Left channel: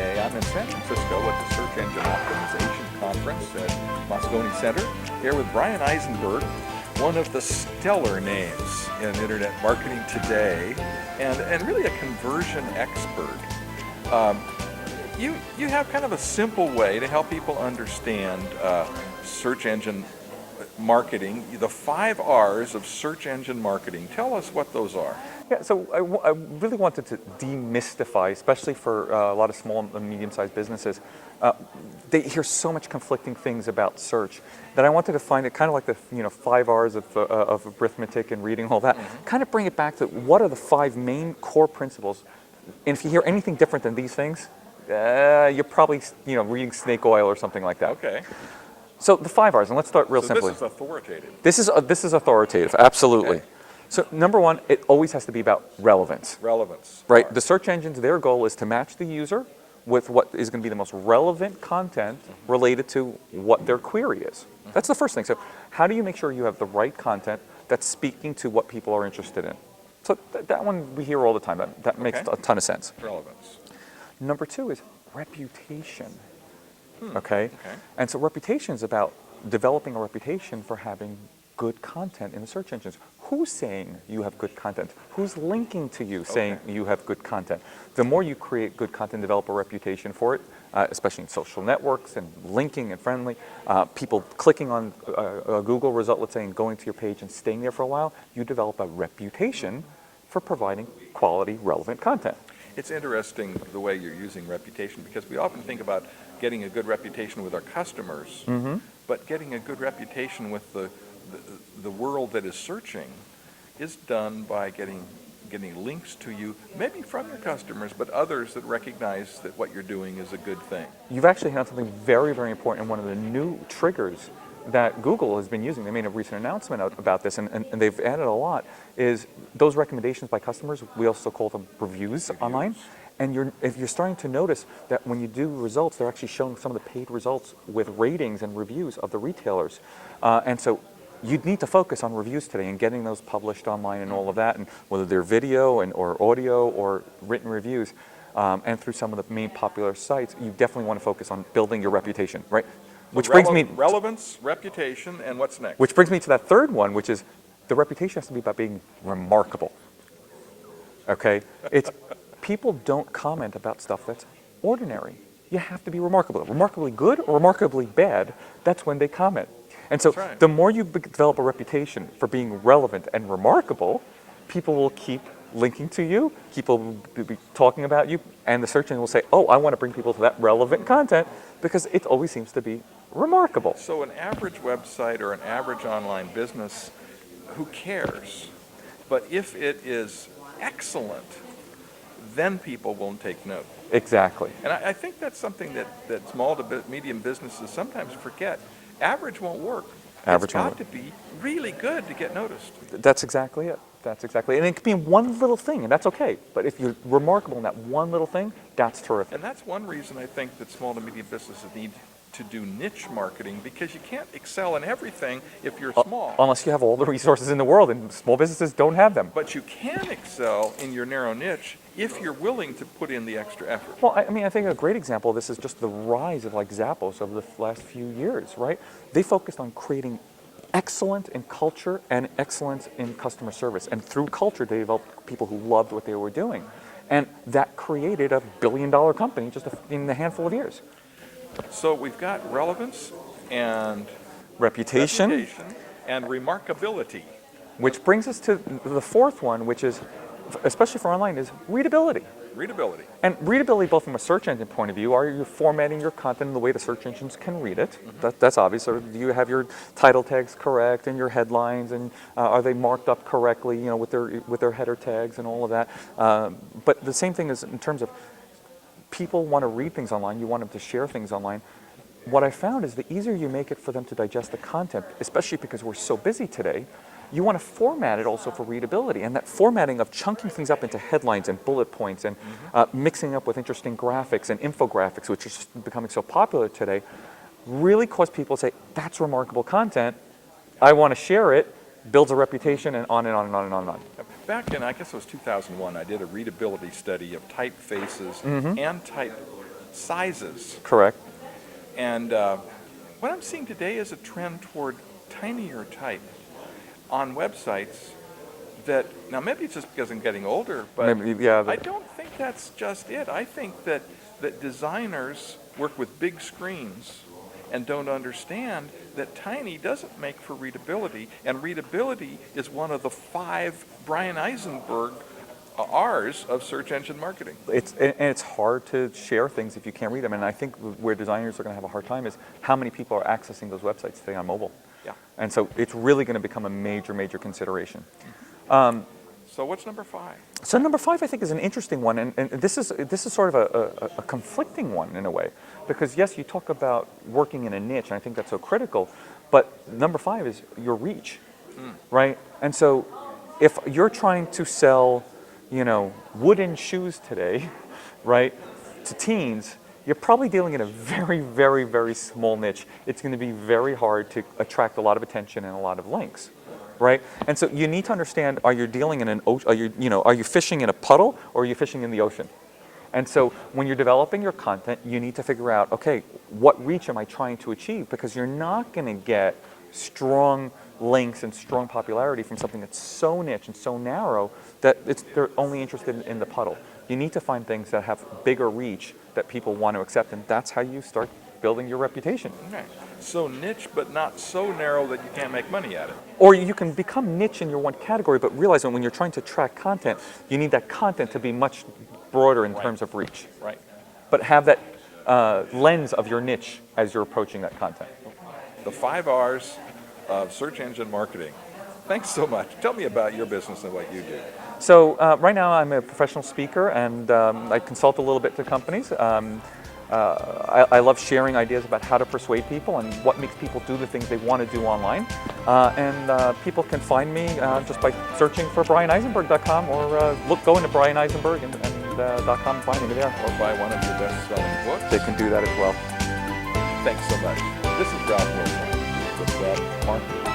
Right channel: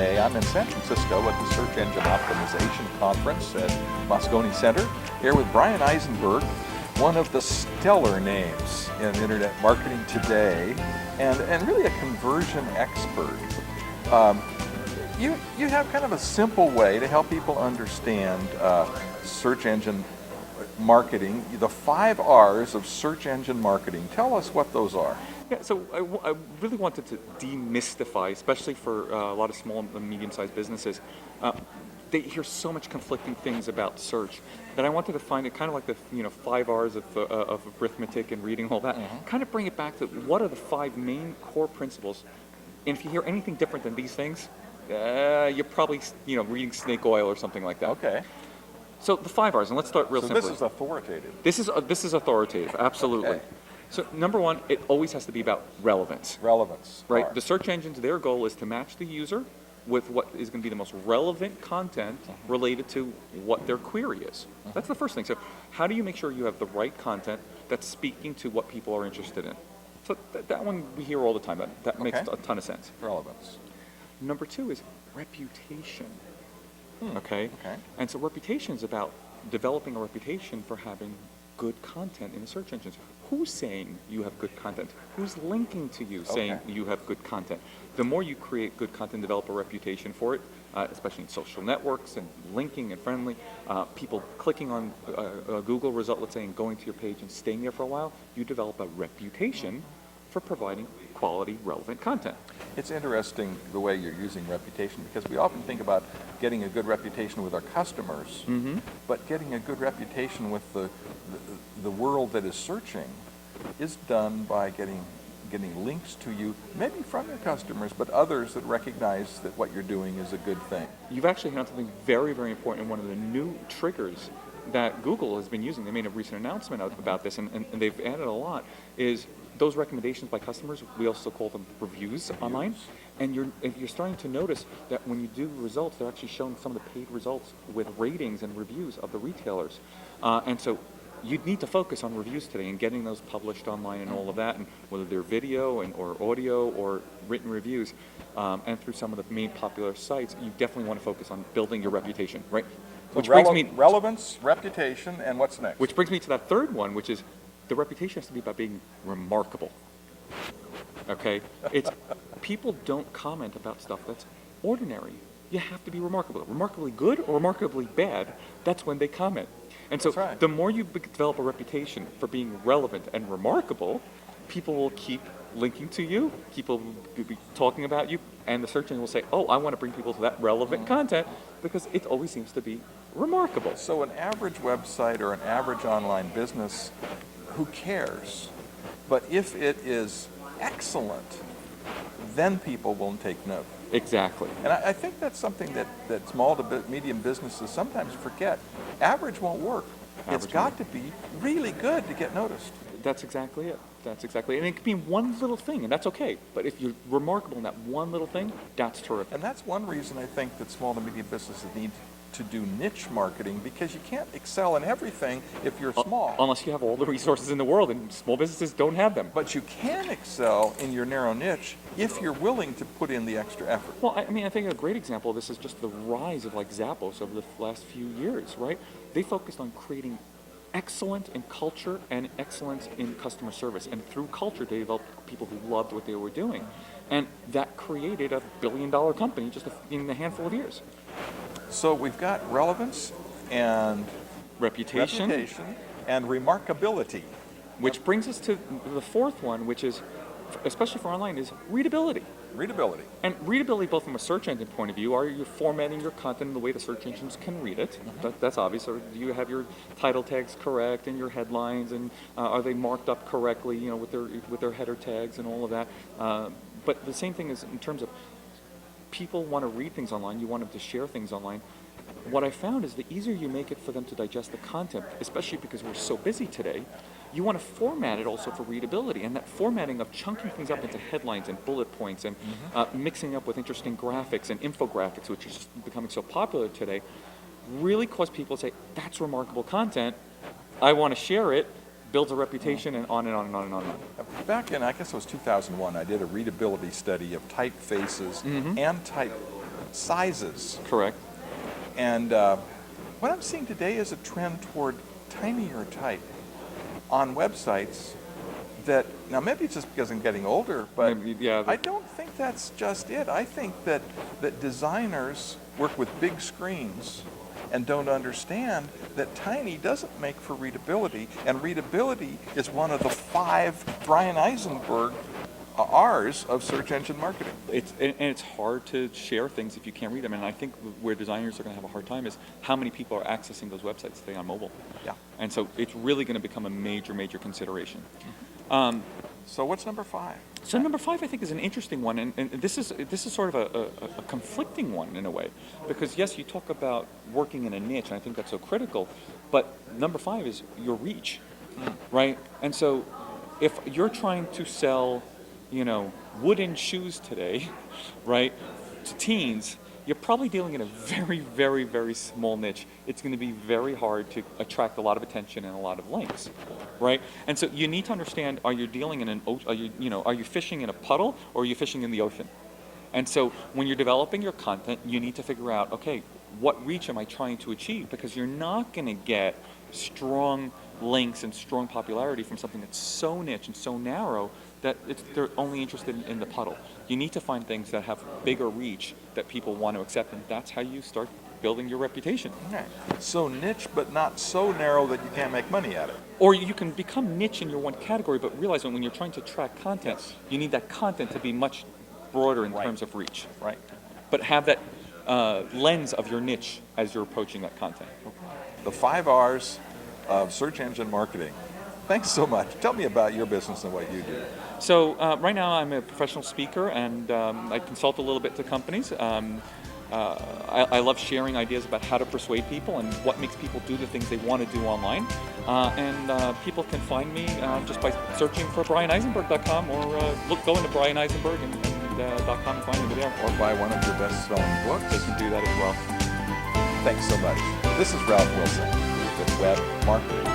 today. I'm in San Francisco at the Search Engine Optimization Conference at Moscone Center, here with Bryan Eisenberg, one of the stellar names in internet marketing today, and really a conversion expert. You have kind of a simple way to help people understand search engine marketing, the 5 R's of search engine marketing. Tell us what those are. Yeah, so I really wanted to demystify, especially for a lot of small and medium-sized businesses. They hear so much conflicting things about search that I wanted to find it kind of like the 5 R's of arithmetic and reading, all that. Kind of bring it back to what are the 5 main core principles. And if you hear anything different than these things, you're probably reading snake oil or something like that. Okay. So the 5 R's, and let's start real simply. This is authoritative. This is authoritative, absolutely. Okay. So number 1, it always has to be about relevance. Relevance. Right. Right. The search engines, their goal is to match the user with what is going to be the most relevant content related to what their query is. That's the first thing. So how do you make sure you have the right content that's speaking to what people are interested in? So that one we hear all the time. That makes a ton of sense. Relevance. Number 2 is reputation. Okay? And so reputation is about developing a reputation for having good content in the search engines. Who's saying you have good content? Who's linking to you saying you have good content? The more you create good content, develop a reputation for it, especially in social networks and linking and friendly, people clicking on a Google result, let's say, and going to your page and staying there for a while, you develop a reputation for providing quality, relevant content. It's interesting the way you're using reputation, because we often think about getting a good reputation with our customers, but getting a good reputation with the world that is searching is done by getting links to you, maybe from your customers, but others that recognize that what you're doing is a good thing. You've actually had something very, very important in one of the new triggers that Google has been using. They made a recent announcement about this, and they've added a lot, is those recommendations by customers. We also call them reviews online. And if you're starting to notice that when you do results, they're actually showing some of the paid results with ratings and reviews of the retailers. And so you'd need to focus on reviews today and getting those published online and all of that, and whether they're video or audio or written reviews, and through some of the main popular sites, you definitely want to focus on building your reputation, right? Which brings me relevance, reputation, and what's next? Which brings me to that third one, which is the reputation has to be about being remarkable. Okay, people don't comment about stuff that's ordinary. You have to be remarkable, remarkably good, remarkably bad. That's when they comment. And so the more you develop a reputation for being relevant and remarkable, people will keep linking to you, people will be talking about you, and the search engine will say, oh, I want to bring people to that relevant content because it always seems to be remarkable. So an average website or an average online business, who cares? But if it is excellent, then people will take note. Exactly. And I think that's something that small to medium businesses sometimes forget. Average won't work. It's got to be really good to get noticed. That's exactly it. That's exactly it. And it could be one little thing, and that's okay. But if you're remarkable in that one little thing, that's terrific. And that's one reason I think that small to medium businesses need to do niche marketing, because you can't excel in everything if you're small. Unless you have all the resources in the world, and small businesses don't have them. But you can excel in your narrow niche if you're willing to put in the extra effort. Well, I mean, I think a great example of this is just the rise of like Zappos over the last few years, right? They focused on creating excellence in culture and excellence in customer service. And through culture, they developed people who loved what they were doing. And that created a billion-dollar company just in a handful of years. So we've got relevance and reputation and remarkability. Which brings us to the fourth one, which is, especially for online, is readability. Readability. And readability, both from a search engine point of view, are you formatting your content in the way the search engines can read it? That's obvious. Or do you have your title tags correct and your headlines, and are they marked up correctly, with their header tags and all of that? But the same thing is in terms of people want to read things online, you want them to share things online. What I found is the easier you make it for them to digest the content, especially because we're so busy today, you want to format it also for readability. And that formatting of chunking things up into headlines and bullet points and mixing up with interesting graphics and infographics, which is becoming so popular today, really cause people to say, that's remarkable content, I want to share it, builds a reputation, and on and on and on and on and on. Back in, I guess it was 2001, I did a readability study of typefaces and type sizes. Correct. And what I'm seeing today is a trend toward tinier type on websites that, now maybe it's just because I'm getting older, but Maybe, yeah, I don't think that's just it. I think that designers work with big screens and don't understand that tiny doesn't make for readability, and readability is one of the 5 Bryan Eisenberg R's of search engine marketing. And it's hard to share things if you can't read them. And I think where designers are going to have a hard time is how many people are accessing those websites today on mobile. Yeah. And so it's really going to become a major, major consideration. So what's number 5? So number 5, I think, is an interesting one, and this is sort of a conflicting one in a way, because yes, you talk about working in a niche, and I think that's so critical, but number 5 is your reach, right? And so if you're trying to sell, wooden shoes today, right, to teens, you're probably dealing in a very, very, very small niche. It's going to be very hard to attract a lot of attention and a lot of links, right? And so you need to understand: are you dealing in an ocean? Are you fishing in a puddle, or are you fishing in the ocean? And so when you're developing your content, you need to figure out, okay, what reach am I trying to achieve? Because you're not going to get strong links and strong popularity from something that's so niche and so narrow that they're only interested in the puddle. You need to find things that have bigger reach that people want to accept, and that's how you start building your reputation. Okay. So niche, but not so narrow that you can't make money at it. Or you can become niche in your one category, but realize that when you're trying to track content, you need that content to be much broader in terms of reach. Right. But have that lens of your niche as you're approaching that content. The 5 R's of search engine marketing. Thanks so much. Tell me about your business and what you do. So right now I'm a professional speaker, and I consult a little bit to companies. I love sharing ideas about how to persuade people and what makes people do the things they want to do online. And people can find me just by searching for BryanEisenberg.com, or go into Bryan Eisenberg .com and find me there. Or buy one of your best-selling books. They can do that as well. Thanks so much. This is Ralph Wilson with Rad Marketing.